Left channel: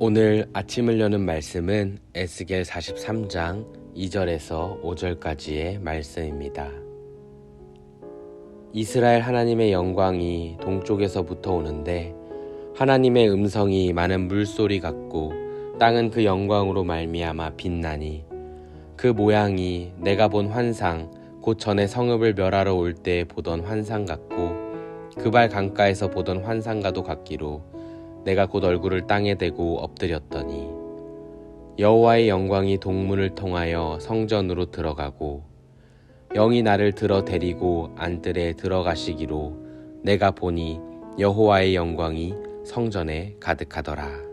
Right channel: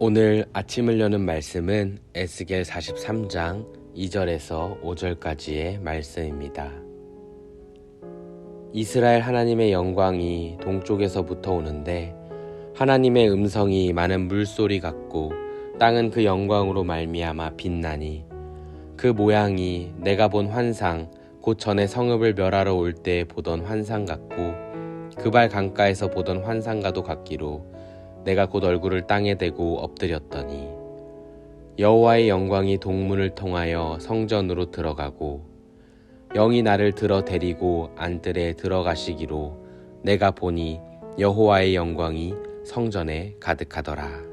오늘 아침을 여는 말씀은 에스겔 43장 2절에서 5절까지의 말씀입니다. 이스라엘 하나님의 영광이 동쪽에서부터 오는데 하나님의 음성이 많은 물소리 같고 땅은 그 영광으로 말미암아 빛나니 그 모양이 내가 본 환상 곧 전에 성읍을 멸하러 올 때 보던 환상 같고 그발 강가에서 보던 환상과도 같기로 내가 곧 얼굴을 땅에 대고 엎드렸더니 여호와의 영광이 동문을 통하여 성전으로 들어가고 영이 나를 들어 데리고 안뜰에 들어가시기로 내가 보니 여호와의 영광이 성전에 가득하더라.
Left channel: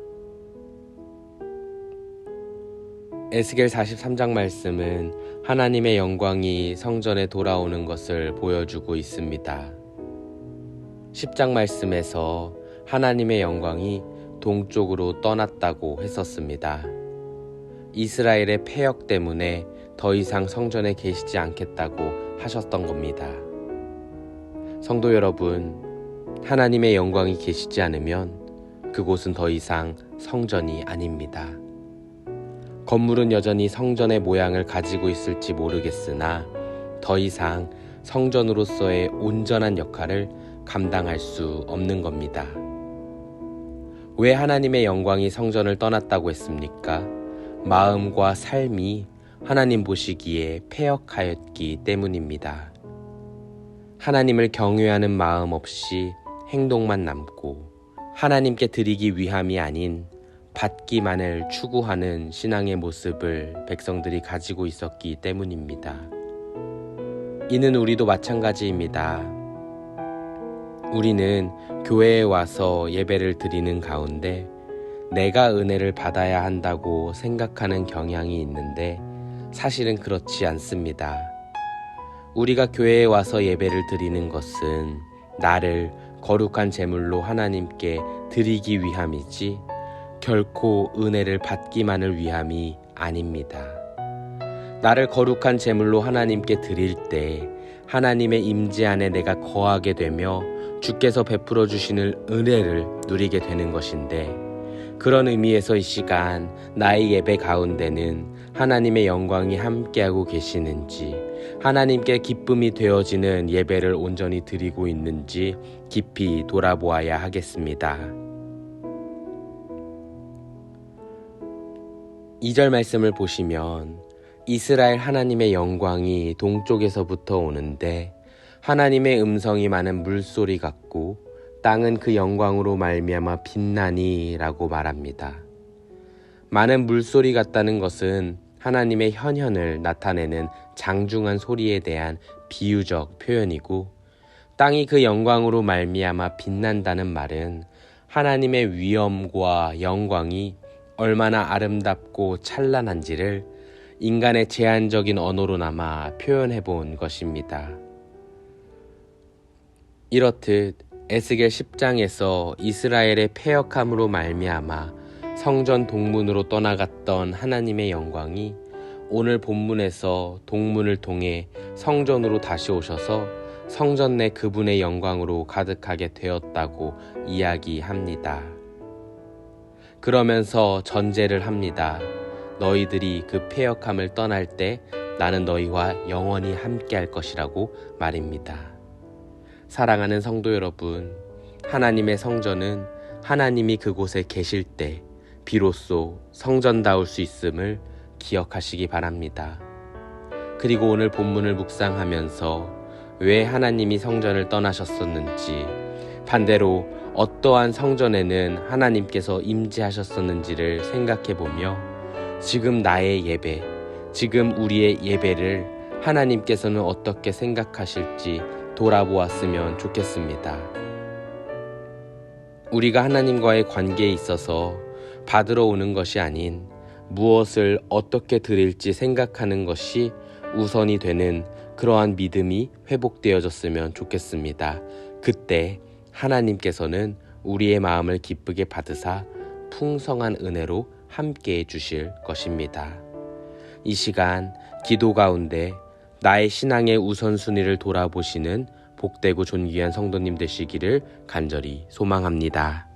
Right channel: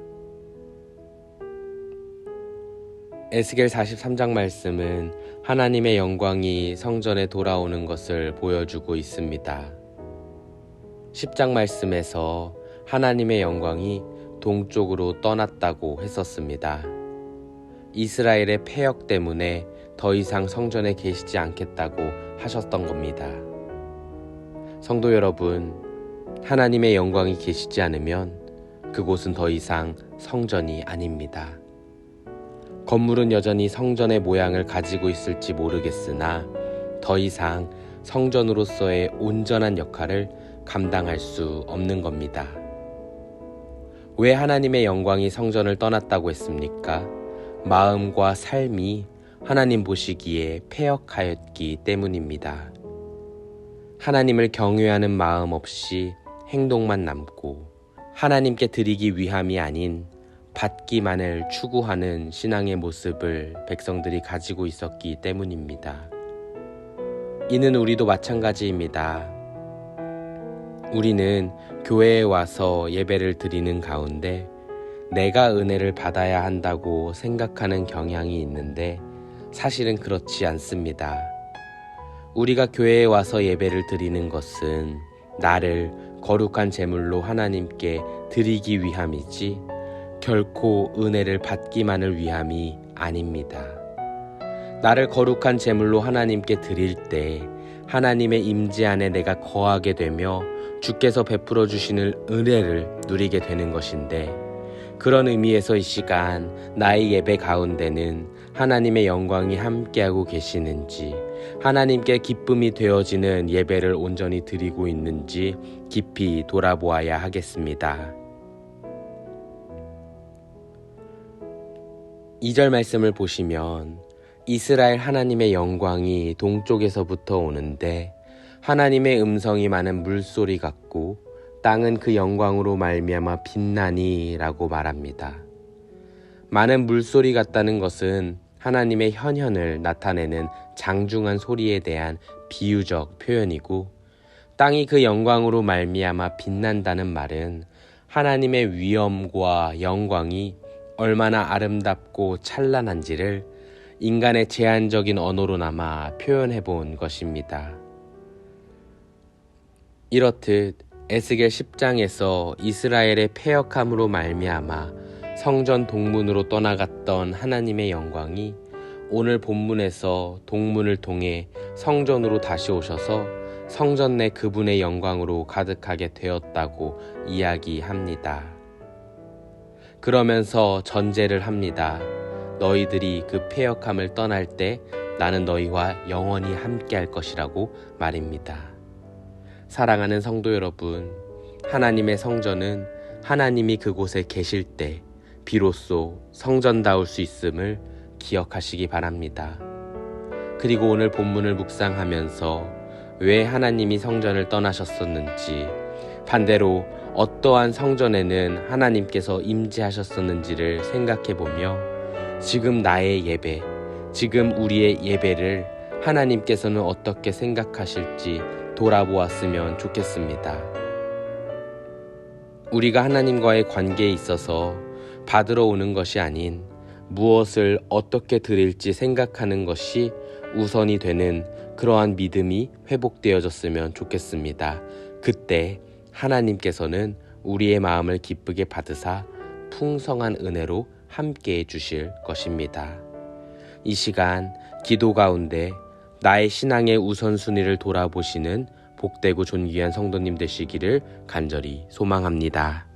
에스겔 43장 말씀은 하나님의 영광이 성전에 돌아오는 것을 보여주고 있습니다. 10장 말씀에서 하나님의 영광이 동쪽으로 떠났다고 했었습니다. 이스라엘의 패역 때문에 더 이상 성전에 계시지 않겠다고 하셨던 겁니다. 성도 여러분, 하나님의 영광이 계시지 않으면 그곳은 더 이상 성전이 아닙니다. 건물은 여전히 성전의 모양을 가지고 있을지 모르겠으나 더 이상 성전으로서의 온전한 역할을 감당할 수 없는 겁니다. 왜 하나님의 영광이 성전을 떠났다고 했습니까? 마음과 삶이 하나님 보시기에 패역하였기 때문입니다. 하나님을 경외하는 마음 없이 행동만 남고 하나님께 드리기 위함이 아닌 받기만을 추구하는 신앙의 모습을 백성들이 가지고 있었기 때문입니다. 이는 우리도 마찬가지입니다. 우리는 교회에 와서 예배를 드리는 가운데 내가 은혜를 받아야 한다고 생각하는 경향이 있는데 사실은 그렇지 않습니다. 우리가 교회에 와서 예배를 드리는 것은 나를 거룩한 제물로 하나님께 드리기 위함이지 결코 은혜를 받기만을 위함이 아닙니다. 나를 거룩한 제물로 하나님께 드릴 때 하나님의 임재 안에 내가 거하게 되며 주께서 베풀어 주시는 은혜를 누리게 되는 것인데 그런 의미에서 이 시간 나의 예배 가운데는 하나님의 영광이 함께하고 계시는지 하나님께 기쁨이 되어지는 예배를 온전히 드리고 있는지 깊이 돌아보아야 하겠습니다. 2절 말씀을 보시면 이스라엘 하나님의 영광이 동쪽에서부터 오는데 하나님의 음성이 많은 물소리 같고 땅은 그 영광으로 말미암아 빛나니 라고 말합니다. 많은 물소리 같다는 것은 하나님의 현현을 나타내는 장중한 소리에 대한 비유적 표현이고 땅이 그 영광으로 말미암아 빛난다는 말은 하나님의 위엄과 영광이 얼마나 아름답고 찬란한지를 인간의 제한적인 언어로나마 표현해 본 것입니다. 이렇듯 에스겔 10장에서 이스라엘의 패역함으로 말미암아 성전 동문으로 떠나갔던 하나님의 영광이 오늘 본문에서 동문을 통해 성전으로 다시 오셔서 성전 내 그분의 영광으로 가득하게 되었다고 이야기합니다. 그러면서 전제를 합니다. 너희들이 그 패역함을 떠날 때 나는 너희와 영원히 함께할 것이라고 말입니다. 사랑하는 성도 여러분, 하나님의 성전은 하나님이 그곳에 계실 때 비로소 성전다울 수 있음을 기억하시기 바랍니다. 그리고 오늘 본문을 묵상하면서 왜 하나님이 성전을 떠나셨었는지, 반대로 어떠한 성전에는 하나님께서 임재하셨었는지를 생각해보며 지금 나의 예배, 지금 우리의 예배를 하나님께서는 어떻게 생각하실지 돌아보았으면 좋겠습니다. 우리가 하나님과의 관계에 있어서 받으러 오는 것이 아닌 무엇을 어떻게 드릴지 생각하는 것이 우선이 되는 그러한 믿음이 회복되어졌으면 좋겠습니다. 그때 하나님께서는 우리의 마음을 기쁘게 받으사 풍성한 은혜로 함께해 주실 것입니다. 이 시간 기도 가운데 나의 신앙의 우선순위를 돌아보시는 복되고 존귀한 성도님 되시기를 간절히 소망합니다.